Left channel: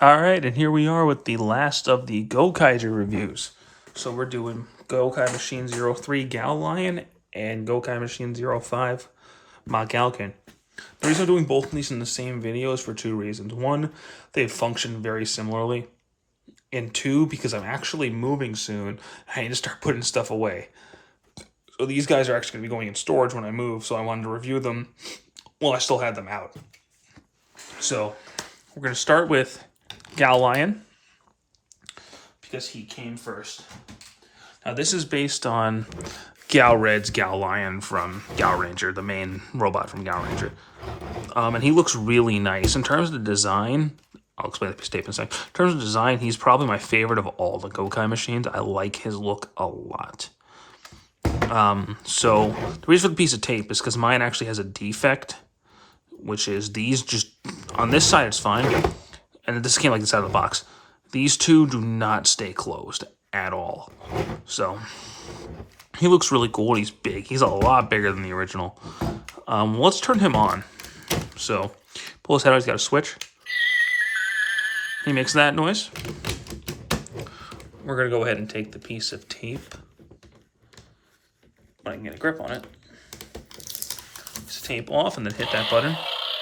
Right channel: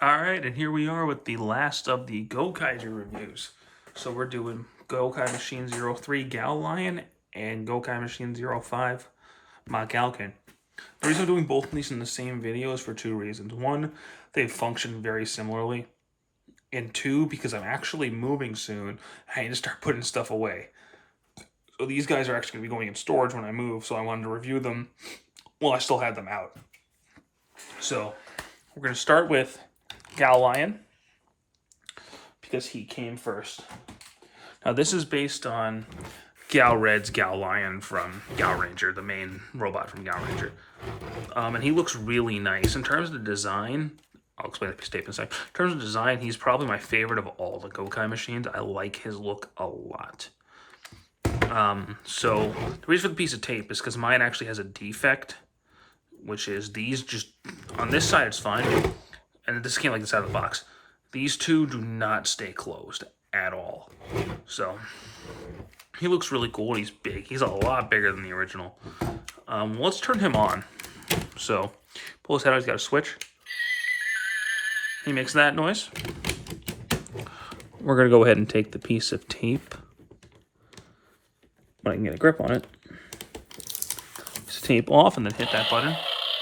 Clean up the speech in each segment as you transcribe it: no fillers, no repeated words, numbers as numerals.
Alright, and here we are with the last of the Gokaiger reviews. So we're doing Gokai Machine 03 Gal Lion and Gokai Machine 05 Galkin. The reason I'm doing both of these in the same video is for two reasons. One, they function very similarly. And two, because I'm actually moving soon, I need to start putting stuff away. So these guys are actually going to be going in storage when I move, so I wanted to review them while I still had them out. So we're going to start with Gal Lion, because he came first. Now this is based on Gal Red's Gal Lion from Gal Ranger, the main robot from Gal Ranger. And he looks really nice. In terms of the design, I'll explain the statement in a second. In terms of design, he's probably my favorite of all the Gokai machines. I like his look a lot. So the reason for the piece of tape is because mine actually has a defect, which is these just, on this side it's fine, and this came like this out of the box. These two do not stay closed at all. So he looks really cool. He's big. He's a lot bigger than the original. Let's turn him on. So pull his head out. He's got a switch. He makes that noise. We're going to go ahead and take the piece of tape, when I can get a grip on it. Just tape off and then hit that button,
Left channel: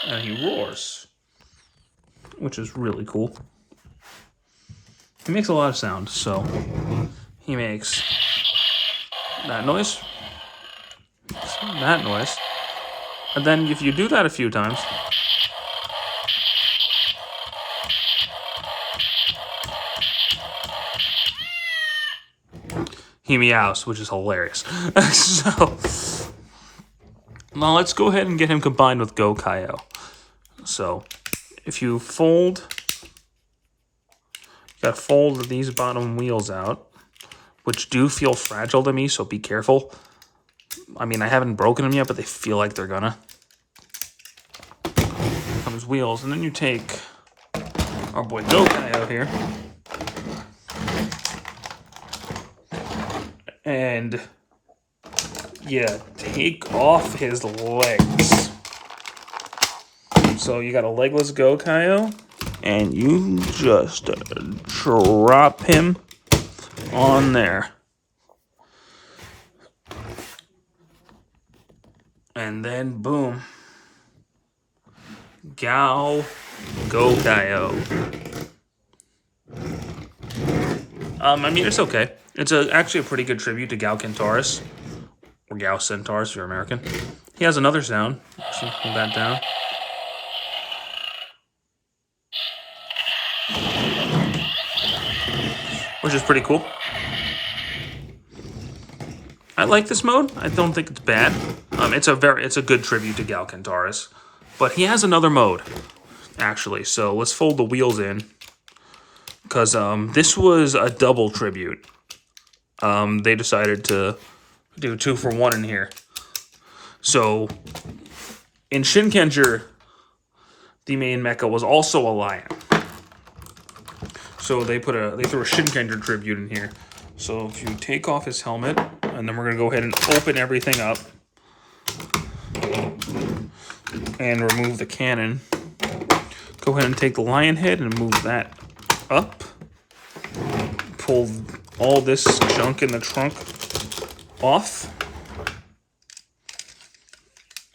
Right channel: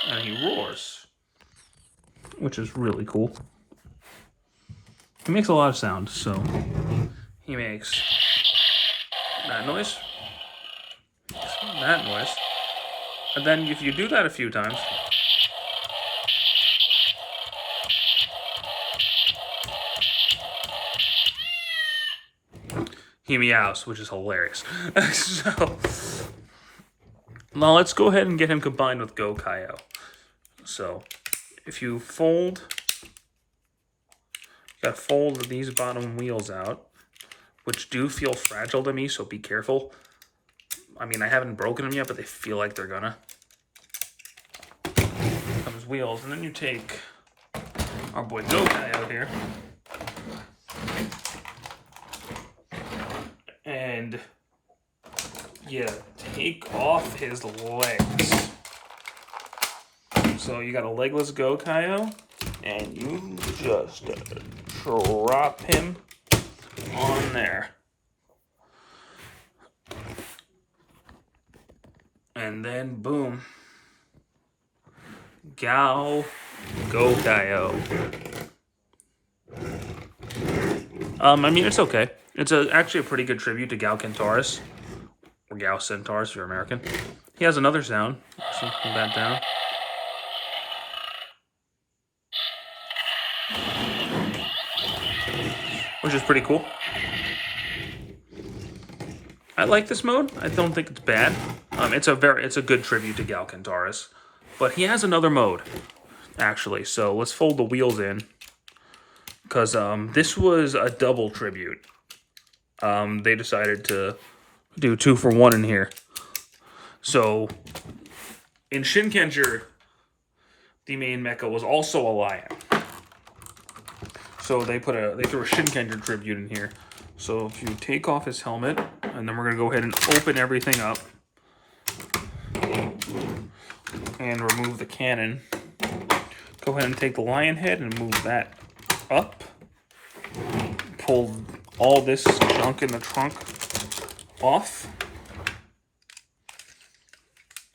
and he roars, which is really cool. He makes a lot of sound, so he makes that noise, that noise, and then if you do that a few times, he meows, which is hilarious. So now let's go ahead and get him combined with Gokaiger. So if you fold, you gotta fold these bottom wheels out, which do feel fragile to me, so be careful. I mean, I haven't broken them yet, but they feel like they're gonna. Come his wheels, and then you take our boy Gokai out here, and yeah, take off his legs. So you got a legless Gokaiger, and you just drop him on there. And then boom. Gokaiger. I mean, it's okay. It's actually a pretty good tribute to Gal Centaurus, or Gal Centaurus if you're American. He has another sound, so hold that down. Which is pretty cool. I like this mode. I don't think it's bad. It's a good tribute to Gal Centaurus, but he has another mode actually. So let's fold the wheels in, because this was a double tribute. They decided to do 2 for 1 in here. So in Shinkenger, the main mecha was also a lion. So they threw a Shinkenger tribute in here. So if you take off his helmet, and then we're gonna go ahead and open everything up and remove the cannon. Go ahead and take the lion head and move that up. Pull all this junk in the trunk off.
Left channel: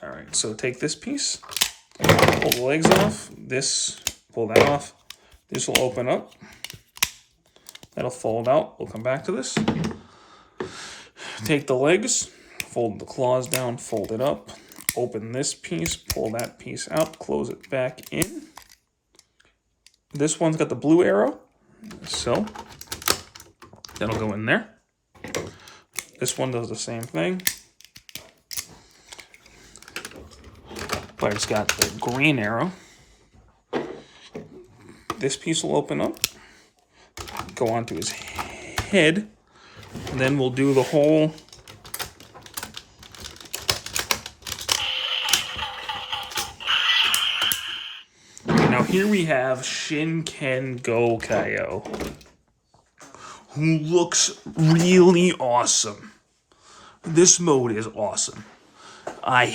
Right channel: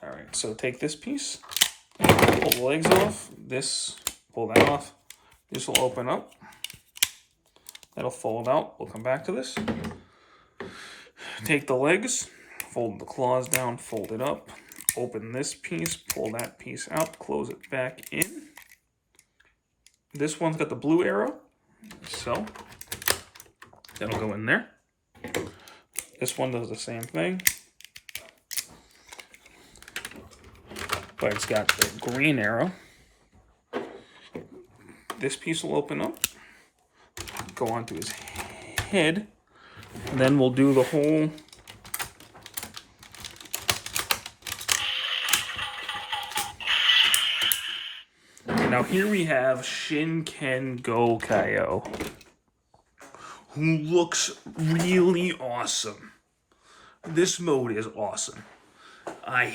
All right, so take this piece, pull the legs off, pull that off. This will open up. That'll fold out. We'll come back to this. Take the legs, fold the claws down, fold it up, open this piece, pull that piece out, close it back in. This one's got the blue arrow, so that'll go in there. This one does the same thing, but it's got the green arrow. This piece will open up, go onto his head, and then we'll do the whole Now here we have Shinken Gokaiger, who looks really awesome. This mode is awesome. I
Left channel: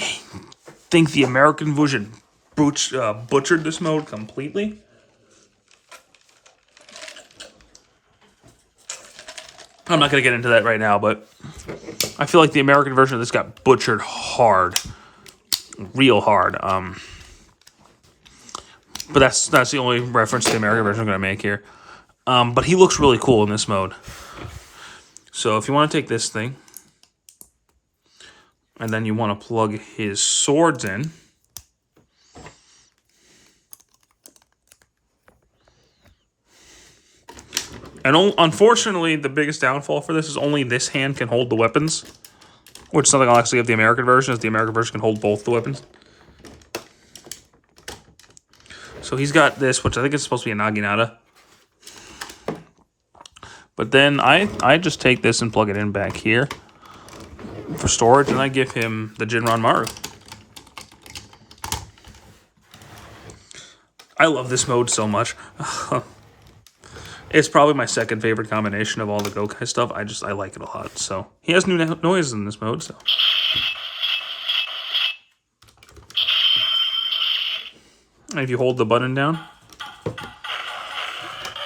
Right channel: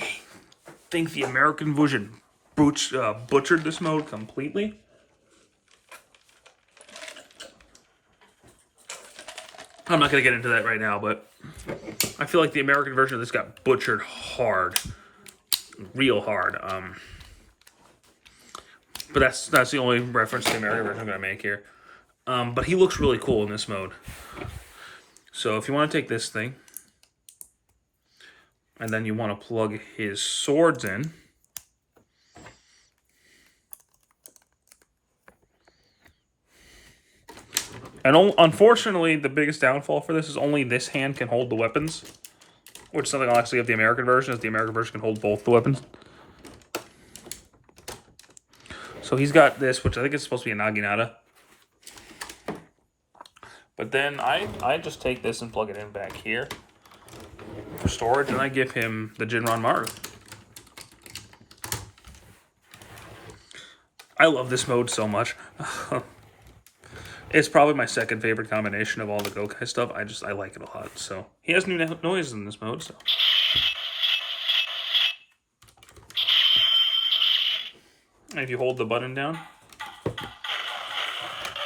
think the American version butchered this mode completely. I'm not going to get into that right now, but I feel like the American version of this got butchered hard. Real hard. But that's the only reference to the American version I'm going to make here. But he looks really cool in this mode. So if you want to take this thing, and then you want to plug his swords in, and unfortunately, the biggest downfall for this is only this hand can hold the weapons, which is something I'll actually have the American version, is the American version can hold both the weapons. So he's got this, which I think is supposed to be a Naginata. But then I just take this and plug it in back here for storage, and I give him the Jinran Maru. I love this mode so much. It's probably my second favorite combination of all the Gokai stuff. I like it a lot. So he has new noises in this mode. So and if you hold the button down,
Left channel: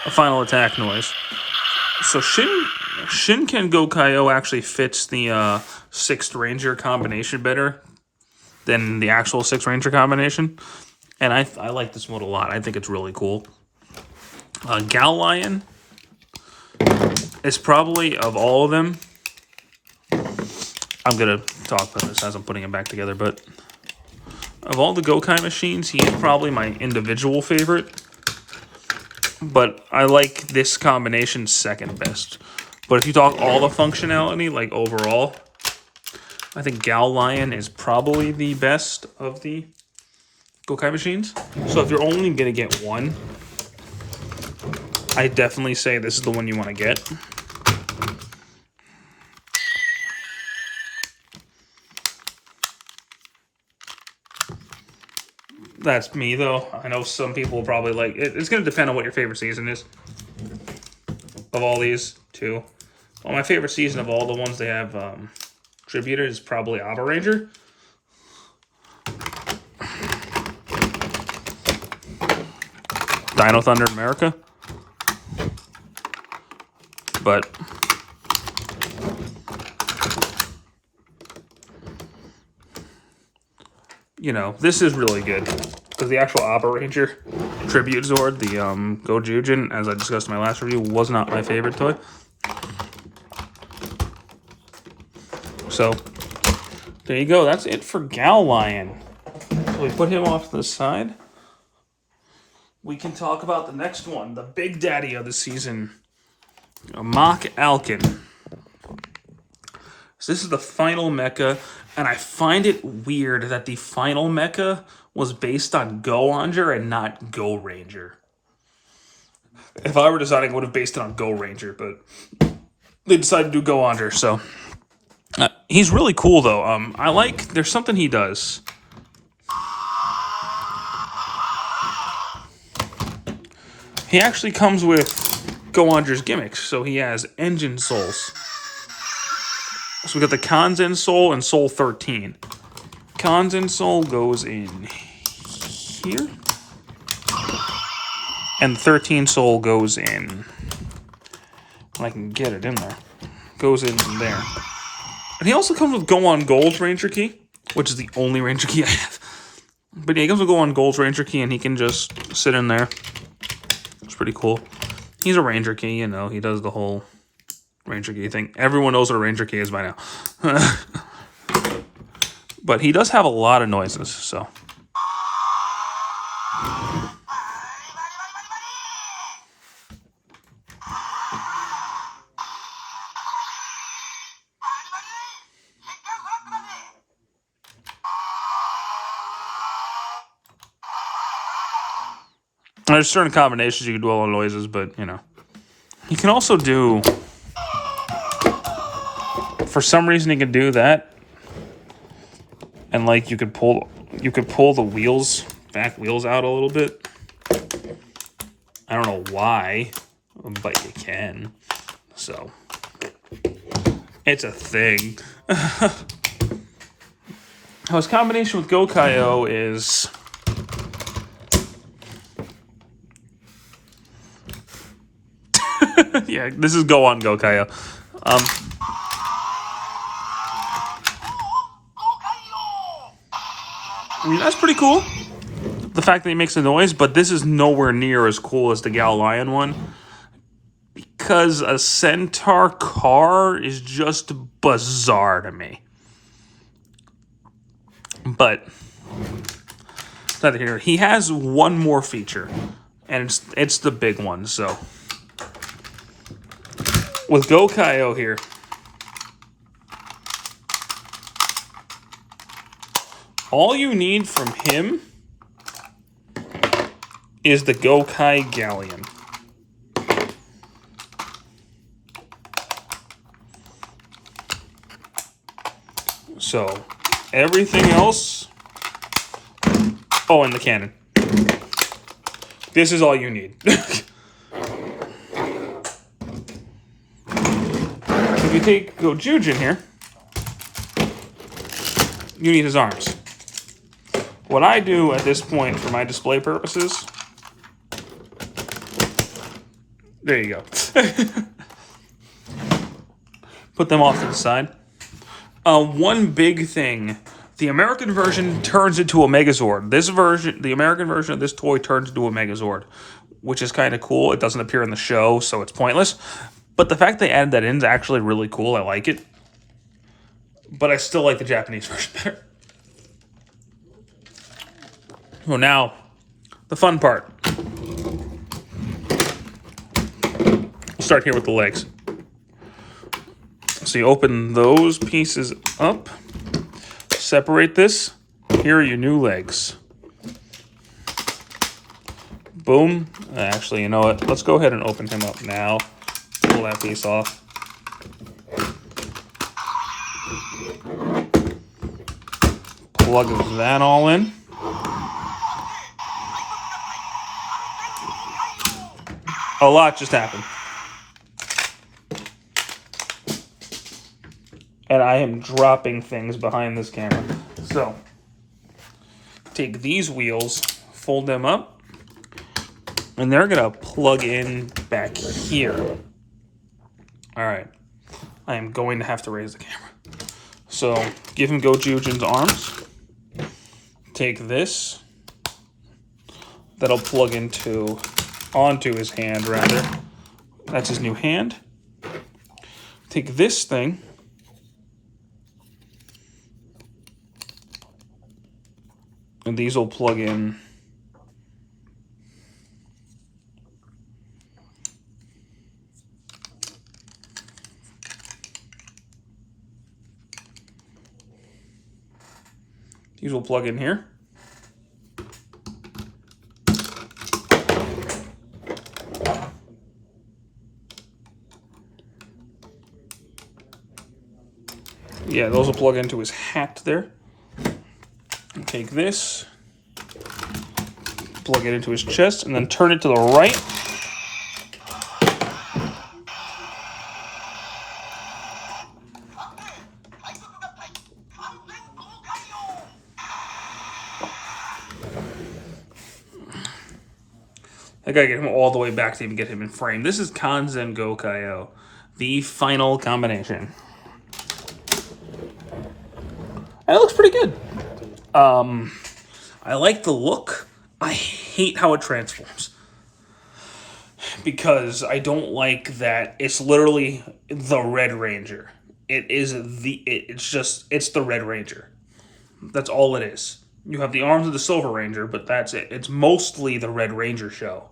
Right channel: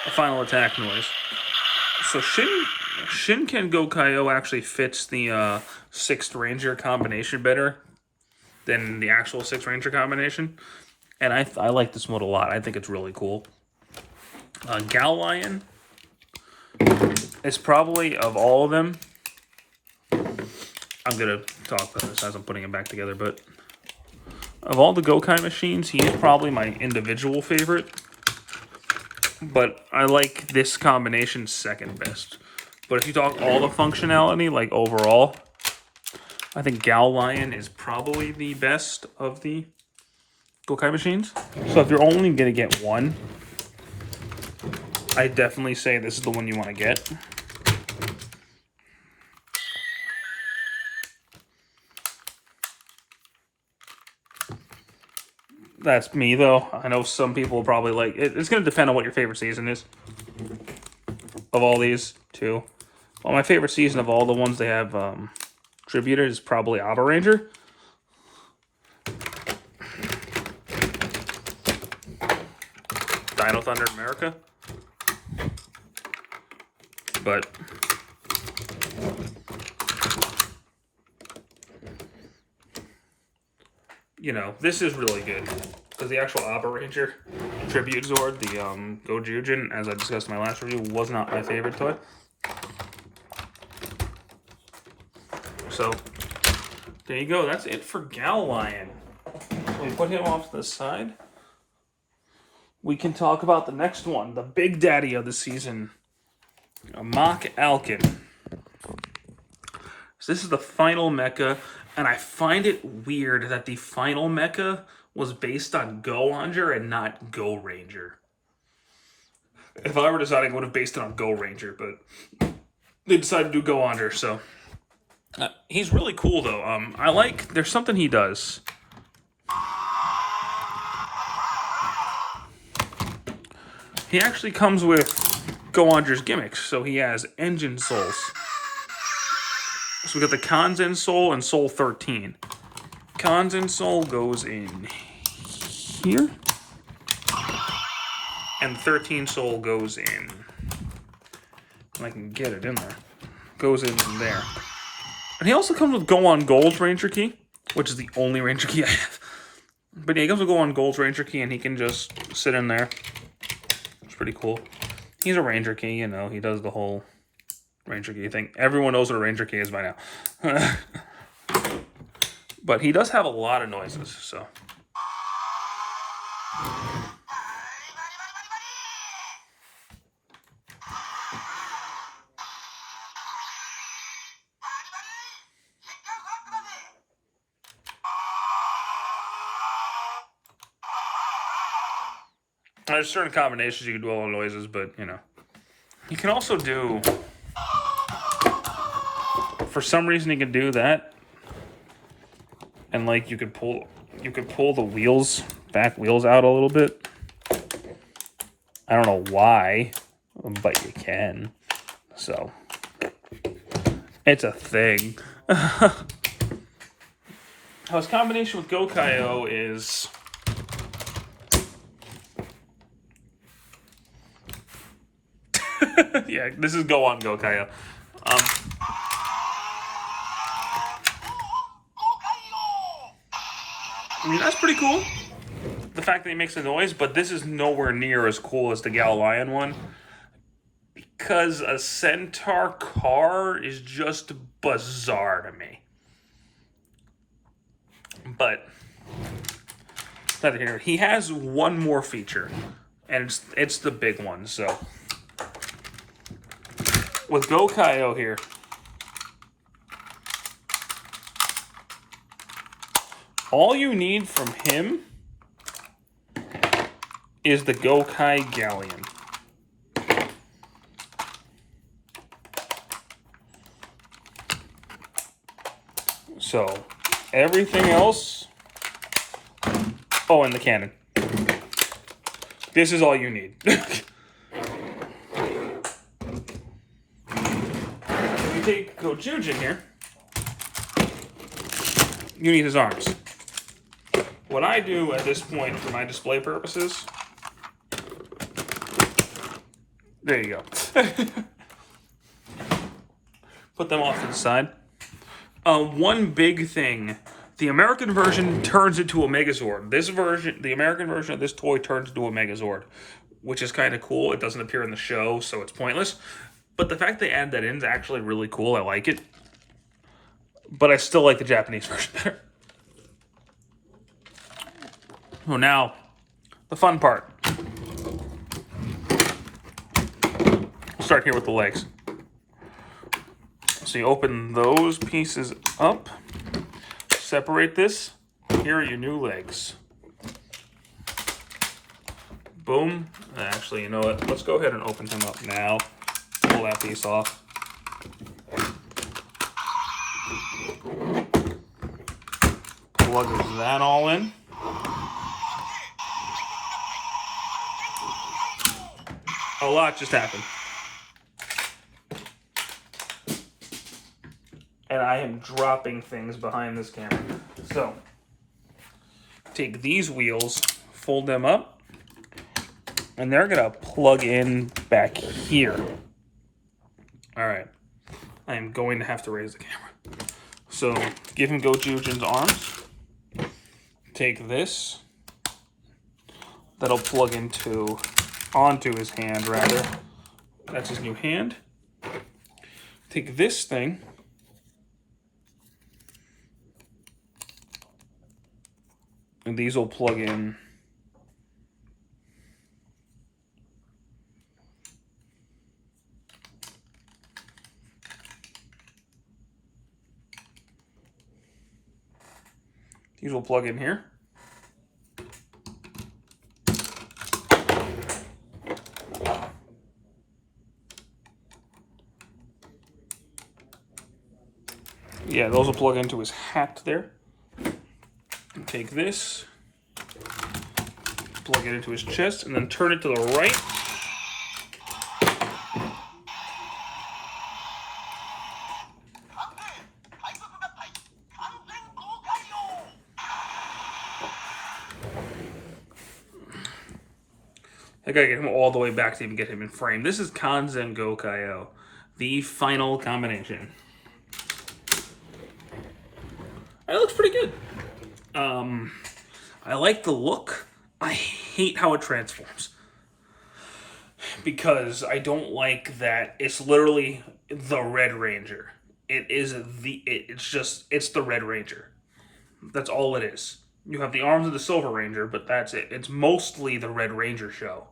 a final attack noise. So Shinken Gokai actually fits the 6th Ranger combination better than the actual 6th Ranger combination. And I like this mode a lot. I think it's really cool. Gal Lion is probably, of all of them, I'm going to talk about this as I'm putting it back together, but of all the Gokai machines, he is probably my individual favorite. But I like this combination second best. But if you talk all the functionality, like overall, I think Gal Lion is probably the best of the Gokai machines. So if you're only going to get one, I definitely say this is the one you want to get. That's me, though. I know some people will probably like it. It's going to depend on what your favorite season is. Of all these, too. Well, my favorite season of all the ones they have tributed is probably Abba Ranger. Dino Thunder America. But you know, this is really good because the actual Abba Ranger tribute Zord, the Gojujin, as I discussed in my last review, was not my favorite toy. So there you go. That's it for Gal Lion. So we put him off to the side. We can talk about the next one, the big daddy of the season, Mach Alkin. So this is the final mecha, and I find it weird that the final mecha was based on Go-Onger and not Go Ranger. If I were deciding, I would have based it on Go Ranger, but they decided to do Go-Onger, so. He's really cool, though. There's something he does. He actually comes with Go-Onger's gimmicks, so he has engine souls. So we got the Kanzen Soul and Soul 13. Kanzen Soul goes in here. And 13 Soul goes in. When I can get it in there. Goes in there. And he also comes with Go-On Gold's Ranger Key, which is the only Ranger Key I have. But yeah, he comes with Go-On Gold's Ranger Key, and he can just sit in there. It's pretty cool. He's a Ranger Key, you know. He does the whole Ranger Key thing. Everyone knows what a Ranger Key is by now. But he does have a lot of noises, so. There's certain combinations you can do all the noises, but, you know. You can also do... For some reason, you can do that. And, like, you could pull the wheels, back wheels out a little bit. I don't know why, but you can. So, it's a thing. His combination with Gokaiger is... Yeah, this is Go-On Gokaiger. I mean, that's pretty cool. The fact that he makes a noise, but this is nowhere near as cool as the Gal Lion one. Because a centaur car is just bizarre to me. But neither here. He has one more feature, and it's the big one. So with Gokaiger here, all you need from him is the Gokai Galleon. So everything else, oh, and the cannon. This is all you need. If you take Gojujin here, you need his arms. What I do at this point for my display purposes, there you go. Put them off to the side. One big thing, the American version turns into a Megazord. This version, the American version of this toy turns into a Megazord, which is kind of cool. It doesn't appear in the show, so it's pointless. But the fact they added that in is actually really cool. I like it. But I still like the Japanese version better. So now, the fun part. We'll start here with the legs. So you open those pieces up, separate this. Here are your new legs. Boom. Actually, you know what? Let's go ahead and open him up now. Pull that piece off. Plug that all in. A lot just happened. And I am dropping things behind this camera. So, take these wheels, fold them up, and they're gonna plug in back here. All right, I am going to have to raise the camera. So, give him Gojujin's arms. Take this. That'll plug onto his hand, rather. That's his new hand. Take this thing. And these will plug in. These will plug in here. Yeah, those will plug into his hat there. And take this, plug it into his chest, and then turn it to the right. I gotta get him all the way back to even get him in frame. This is Kanzen Gokaiger, the final combination. And it looks pretty good. I like the look. I hate how it transforms. Because I don't like that it's literally the Red Ranger. It's the Red Ranger. That's all it is. You have the arms of the Silver Ranger, but that's it. It's mostly the Red Ranger show.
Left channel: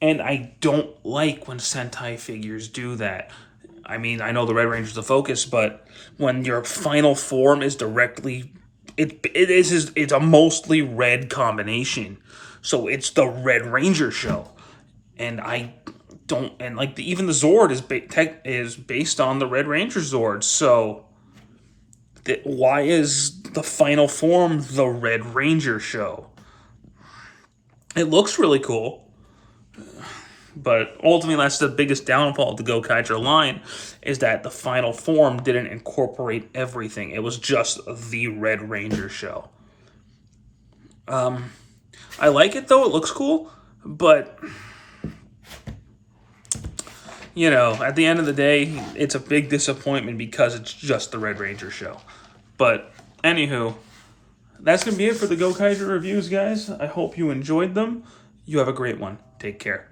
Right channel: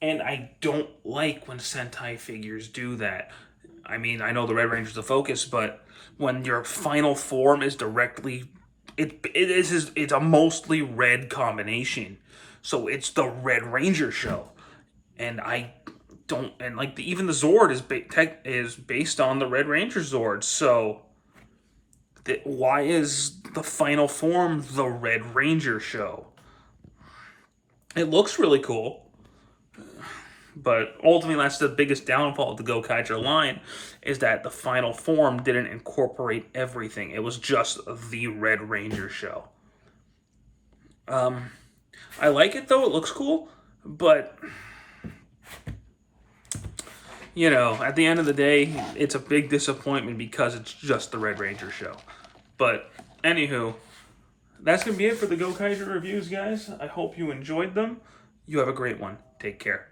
And I don't like when Sentai figures do that. I mean, I know the Red Ranger's the focus, but when your final form is directly... It's a mostly red combination. So it's the Red Ranger show. And I don't... And like even the Zord is based on the Red Ranger Zord. So why is the final form the Red Ranger show? It looks really cool. But ultimately, that's the biggest downfall of the Gokaiger line, is that the final form didn't incorporate everything. It was just the Red Ranger show. I like it, though. It looks cool. But you know, at the end of the day, it's a big disappointment because it's just the Red Ranger show. But anywho, that's going to be it for the Gokaiger reviews, guys. I hope you enjoyed them. You have a great one. Take care.